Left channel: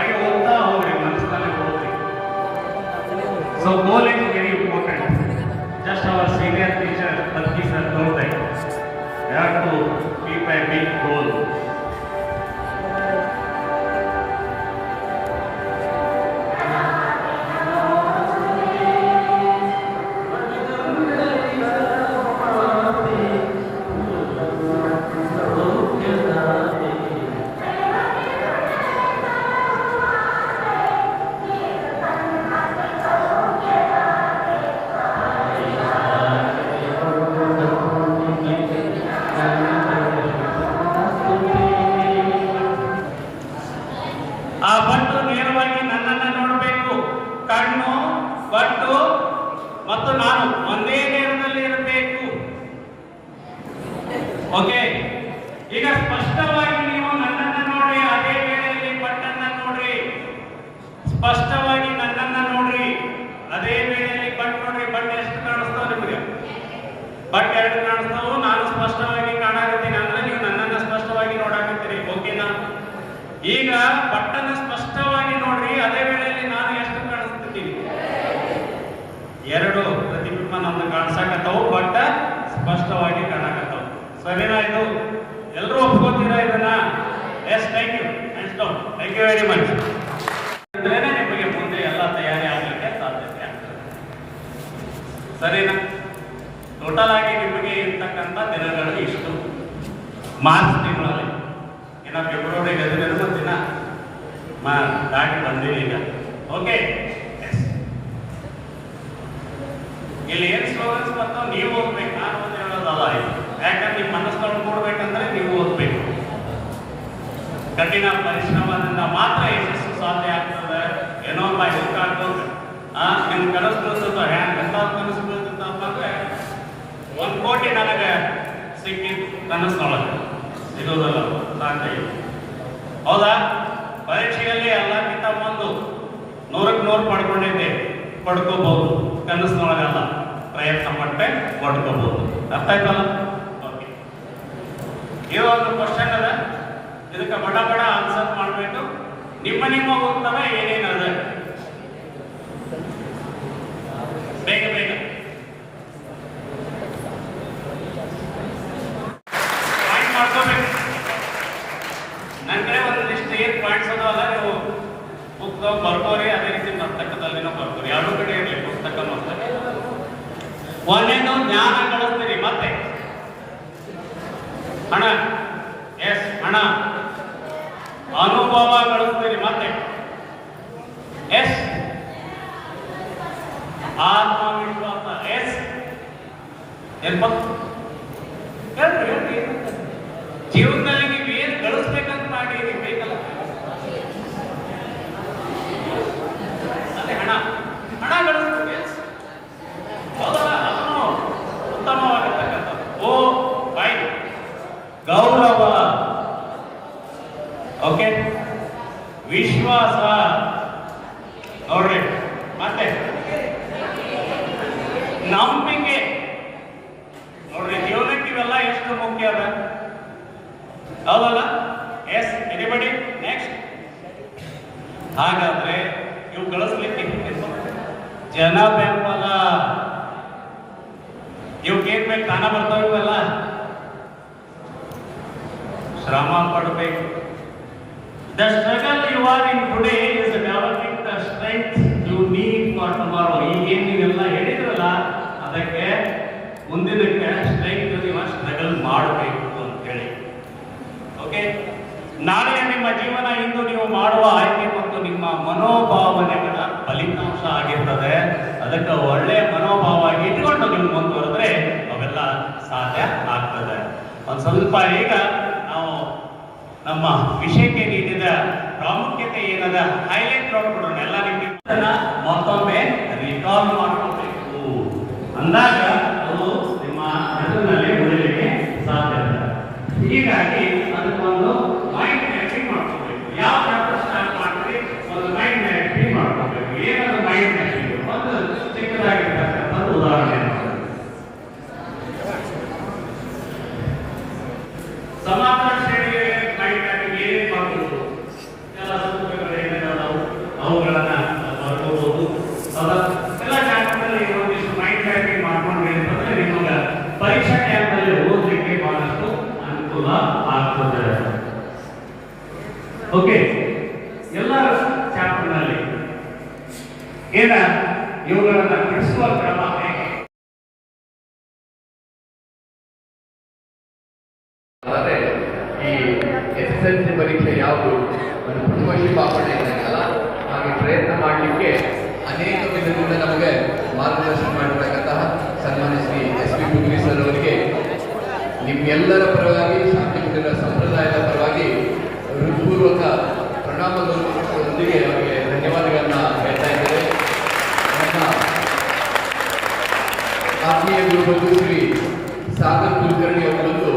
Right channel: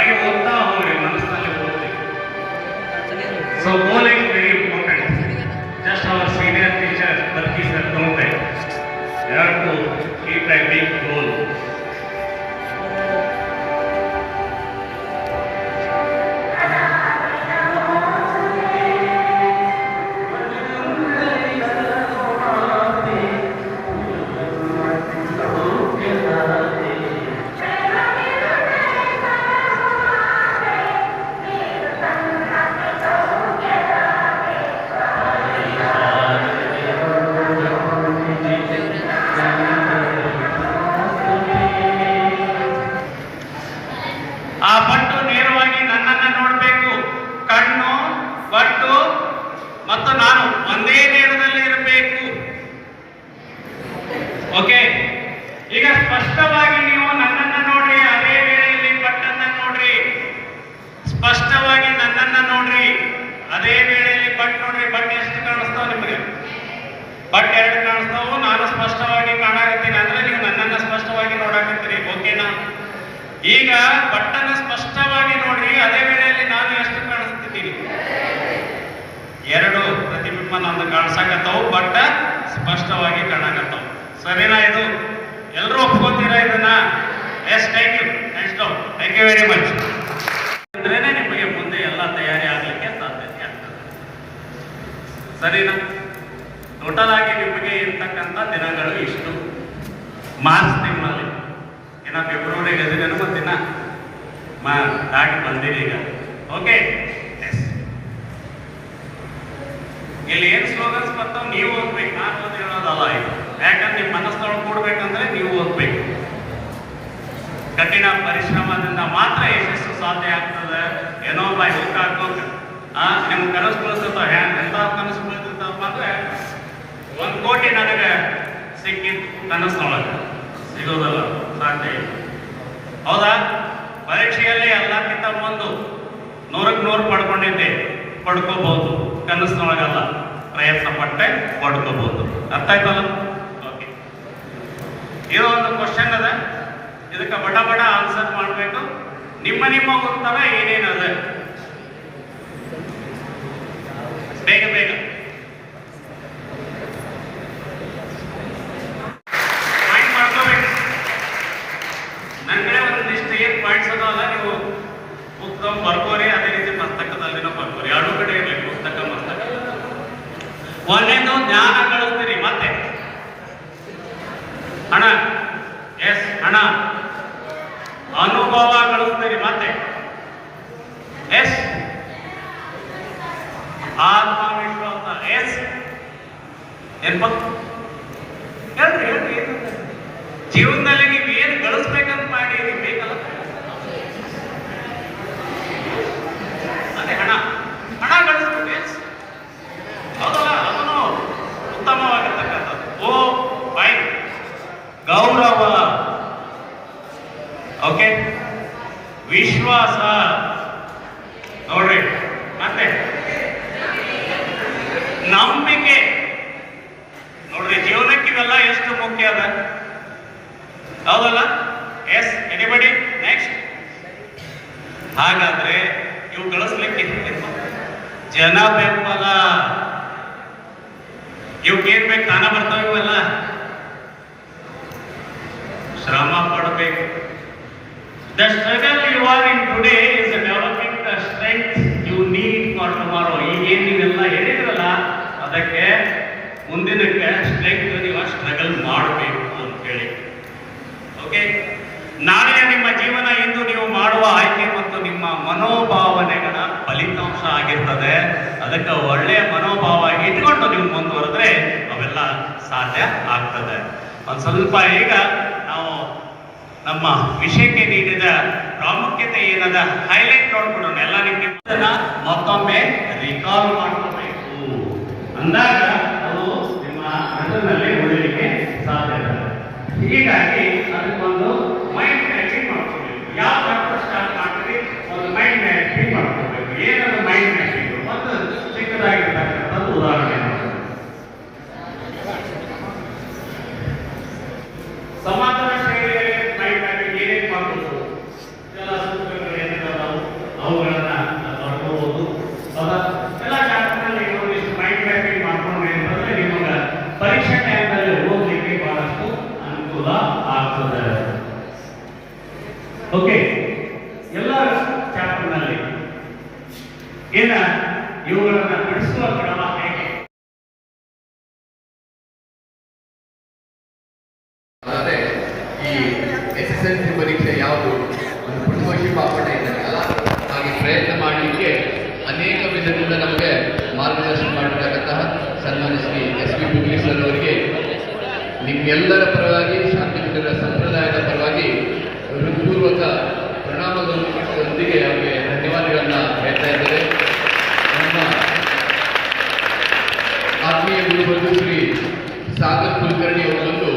ಹಾಗೆ ಓದ್ತಾ ಮತ್ತು ನಾನು ಒಂದೇ ನೇರದಲ್ಲಿ ಇರಬೇಕು. ಓಕೆ? ಈಗ ಸ್ಪಷ್ಟವಾಗಿ ನೀವು ನನ್ನನ್ನ ನೋಡ್ರಿ, ಅದೇ ವೇಳೆಯಲ್ಲಿ ಬಟ್ಟನ್ನ ನೋಡ್ರಿ. ಸ್ಪಷ್ಟವಾಗಿ ನನ್ನನ್ನ ನೋಡ್ರಿ, ಅದೇ ವೇಳೆಯಲ್ಲಿ ಬಟ್ ನೋಡ್ರಿ. ಬಟ್ ಎಷ್ಟು ಕಾಣಿಸ್ತಾವ ನಿಮಗೆ? ಬಟ್ ಎರಡು ಕಾಣಿಸ್ತಾವು, ನಾನು ಸ್ಪಷ್ಟವಾಗಿ ಕಾಣಾಕತ್ತೀನಿ. ಅಂದ್ರೆ ನೀವು ನನ್ನನ್ನ ಸ್ಪಷ್ಟವಾಗಿ ನೋಡಾಕತ್ತೀರಿ. ಓಕೆನಾ? ಈಗ ಬಟ್ಟನ್ನ ಸ್ಪಷ್ಟವಾಗಿ ನೋಡ್ರಿ, ಅದೇ ವೇಳೆಯಲ್ಲಿ ನಾನು ಎಷ್ಟು ಕಾಣಿಸ್ತಿದ್ದೀನಿ ಎರಡು ಪ್ರತಿಬಿಂಬ ನಮ್ದು ಕಾಣಿಸಕತ್ತವು ಬಟ್ ಸ್ಪಷ್ಟವಾಗಿ ಕಾಣಕತ್ತವು. ಸರಿನಾ ಇದು? ಎಲ್ಲರೂ ಒಪ್ಕೋತೀರಾ ಇದನ್ನ? Yes thank you next thank you very much ನಿಮಗೆ ಮುಂದೆ ಎಲ್ಲ ತಯಾರಿ ಆಗಲಿಕ್ಕೆ ಸಾಧ್ಯತೆ ಸರಿನಾ? ಟೋಟಲ್ ಆಗಿ ನಿಮಗೆ ಇರ್ತಕ್ಕಂಥ ದಿನಗಳು ಇಷ್ಟು. ಮಾರ್ಚ್ ತಿಂಗಳಲ್ಲಿ. ಇನ್ನು ಫೆಬ್ರವರಿ ಹದಿನೈದು ದಿನ ಮಾ ದಾಟಿ ಬಂದಿದೆ ಈಗ ಓಕೆ ಇಲ್ಲಿ ಏನ್ ಸ್ಲೋಗನ್ಸ್ ಬರ್ತಾವ ನೀವು ಓದ್ಬೇಕು. ನಾನು ಓದಿರೋದಲ್ಲ ಇದು. ಯಾಕಂದ್ರೆ ನಿಮ್ಮ ಮನಸ್ಸು ಕೊಡ್ಬೇಕಂದ್ರೆ ನೀವು ಓದ್ಬೇಕು. ಕಠಿಣ ಪರಿಶ್ರಮದಿಂದ ಮಾತ್ರ ಯಶಸ್ಸು ಸಾಧ್ಯ ಆಗ್ತದೆ. ಏನೋ ಬಾಯ್ ಊಟ ಹಾಕೋದು ನಿಮ್ ಕನಸುಗಳು ಹ್ಯಾಂಗ್ ಎಂತ ಕನಸುಗಳು ಮಾತ್ರ ಒಂದ್ ಕೋಟಿ ನನಗೆ ಸಿಕ್ಕಿದ್ ಕನಸು ಸಿಗೋದಲ್ಲ ಸಾಧ್ಯ ಹೌದಾ? ಪರೀಕ್ಷೆಯಲ್ಲಿ ಎಲ್ಲಕ್ಕಿಂತ ಬಂದು ನೂರಕ್ಕೆ ನೂರು ಪಡ್ಕೊಂಡಿದ್ದೆ. ಪಡ್ಕೋಬಹುದು. ಕನಸಿನೊಳಗಲ್ಲ ಪಟ್ಟೆ ಪಡ್ಕೋಬಹುದು ಅರ್ಥ ಆಯ್ತಲ್ಲ ಓಕೆ ಇರೋ ಒಂದು ಕ್ವಶನ್ ಅದ. ಇದಕ್ಕೆ ಬಡ ಬಡ ಆನ್ಸರ್ ಮಾಡಬೇಕು. ನಿಮ್ಮ ನಿಮ್ಮ ಉತ್ತರ ಏನೇನದ? ಬೇಗ ಬೇಗ ಪಾಯಿಂಟ್ ಮಾಡ್ಕೋಬೇಕು ನನಗೆ ಒಂದಿಷ್ಟು ಏನ್ ಪಾಯಿಂಟ್ಸ್ ಅದಾವಲ್ಲ ನೀವು ಪುಸ್ತಕ ಬರ್ಕೋರಿ ಅದೇ ರೀತಿ ಮಸ್ತಕದಲ್ಲಿ ಬರ್ಕೋರಿ ಎರಡು ಕಡೆ ಇರಲಿ ಪುಸ್ತಕ ಮಸ್ತಕ ಒಂದೇದು ಜ್ಞಾನ ಗಳಿಸ್ತೀರಿ ಮತ್ತೆ ಹಣ ಎಸ್ ಹಣ ಅನುಭವ ಗಳಿಸ್ತೀರಿ ಮತ್ತೆ ಎಸ್ ಆತ್ಮವಿಶ್ವಾಸ ಎಸ್ ಹೇಳ್ರಿ ಜೀವನದಲ್ಲಿ ನೀವು ಏನು ಗಳಿಸ್ಬೇಕಂತ ಮಾಡಿ ನಿಮ್ಗೆ ಬೇಕಲ್ಲ? ಅದೇ ಹಣ. ಹಣ yes. ಹೌದಲ್ಲ? ಅದನ್ನು ಉತ್ತಮವಾಗಿರ್ತಕ್ಕಂಥದ್ದು. ಓ, ಬೈ. ಗೌರವ. ಓಕೆ. ವಿಶ್ವಾಸ. ನೋಡ್ರಿ. ನೋಡ್ರಿ ಜೀವನಕ್ಕೆ ಇವೆಲ್ಲ ಎಷ್ಟು ಮುಖ್ಯ ಅದ ಹೌದಲ್ಲ ಎಸ್ ಎನಿಬಡಿ ನೆಕ್ಸ್ಟ್ ಹಾಗಾದ್ರೆ ಇವು ಗಳಿಸ್ಲಿಕ್ಕೆ ಜನ ಬೆಂಬಲ ಇವಕ್ಕೆ ಏನ್ ಬೇಕು ತಾನ ಬರ್ತಾವ ಇವೆಲ್ಲ ಶ್ರಮ ಪಡಬೇಕು the struggle you are in today ಸ್ವಲ್ಪ ಈಗ ನಾವು ನಮ್ಮ ವಿಷಯಕ್ಕೆ ನೀಡಿದ ಪ್ರಾಮುಖ್ಯತೆ ಏನದ ಹೈಲೈಟ್ ನೋಡ್ಕೊಡೋಣ. ಎಲ್ಲ ನಿಮಗೆ ಮತ್ತೊಮ್ಮೆ ರಿಕಾಲ್ ಮಾಡ್ಕೋಬೇಕು. ಅಂದಾಗ ಅದು ನಿಮ್ಮ ಮೆದುಳಿನಲ್ಲಿ ಉಳಿಲಿಕ್ಕೆ ಸಾಧ್ಯ ಹೀಗಾಗಿ ಅದಕ್ಕೊಂದು ಮೈಂಡ್ ಮ್ಯಾಪಿಂಗ್ ಮಾಡ್ಕೋಬೇಕು ಯಾವ ಚಾಪ್ಟರ್ ಸ್ಟಾರ್ಟ್ ಮಾಡ್ತೀವಿ ಒಂದು ಮೈಂಡ್ ಮ್ಯಾಪಿಂಗ್ ಮಾಡ್ಕೋಬೇಕು ಏನದು ಮೈಂಡ್ ಮ್ಯಾಪಿಂಗ್ ಒಂದು ಚಿಕ್ಕದಾಗಿರ್ತಕ್ಕಂಥದ್ದು ಉದಾಹರಣೆ ಮಾಡ್ಕೊಳ್ಳಿ. ಸಮಾಧಾನ ಶೈಲಿಯಲ್ಲಿ ಮೈಂಡ್ ಮ್ಯಾಪಿಂಗ್ ಏನೇನು ಮಾಡೋದು ಎಲ್ಲ ಸೂತ್ರಗಳು ಏನಿದಾವ ಚಾಪ್ಟರ್ನಲ್ಲಿ ಒಂದಿಷ್ಟು ಮೈಂಡ್ ಮ್ಯಾಪಿಂಗ್ ಮಾಡ್ಕೊಂಡ್ರಿ ಅಂತಂದ್ರೆ ನಿಮಗೆ ಪರೀಕ್ಷಾ ಟೈಮಲ್ಲಿ ಓದಲಿಕ್ಕೆ ಬಹಳಷ್ಟು ಅನುಕೂಲ ಆಗ್ತದೆ. ಓಕೆ ಎಲ್ಲ ಚಾಪ್ಟರ್ನಲ್ಲಿ ಏನ? ಇವುಗಳನ್ನು ಬಿಡಿಸುವ ಕ್ರಮ ಈ ಎಸ್ ಎಸ್ ಎಲ್ ಸಿ ಪರೀಕ್ಷೆ ಯಾವುದು? ಕುಟುಂಬ ಇದ್ದಾಗಲ್ಲ ಹಾಗೆ ಪ್ರಯತ್ನ ಮಾಡಲಿಕ್ಕೆ ಅನೇಕ ವಿಧದಿಂದ ನಮಗೆ ಮಾರ್ಗದರ್ಶನ ಮಾಡಿರತಕ್ಕಂತಹ ಸನ್ಮಾನ್ಯ Shri S P Pugli sir ಅವರಿಗೆ ನಿಮ್ಗೆಲ್ಲರ ಪರವಾಗಿ ಶಾಂತಿ ಕುಟೀರ ಸಂಪ್ರದಾಯದ ಪರವಾಗಿ ಹೃತ್ಪೂರ್ವಕ ಪ್ರಣಾಮದೊಂದಿಗೆ ಅವರಿಗೆ ಧನ್ಯವಾದಗಳನ್ನು ಹೇಳ್ತಾ ಇದ್ದಾರೆ ನಮ್ಮ ಆತ್ಮೀಯ ಗುರುಗಳು ಶ್ರೀ ಸಾಗರ್ ಕುಲಕರ್ಣಿ ಅವರೊಂದು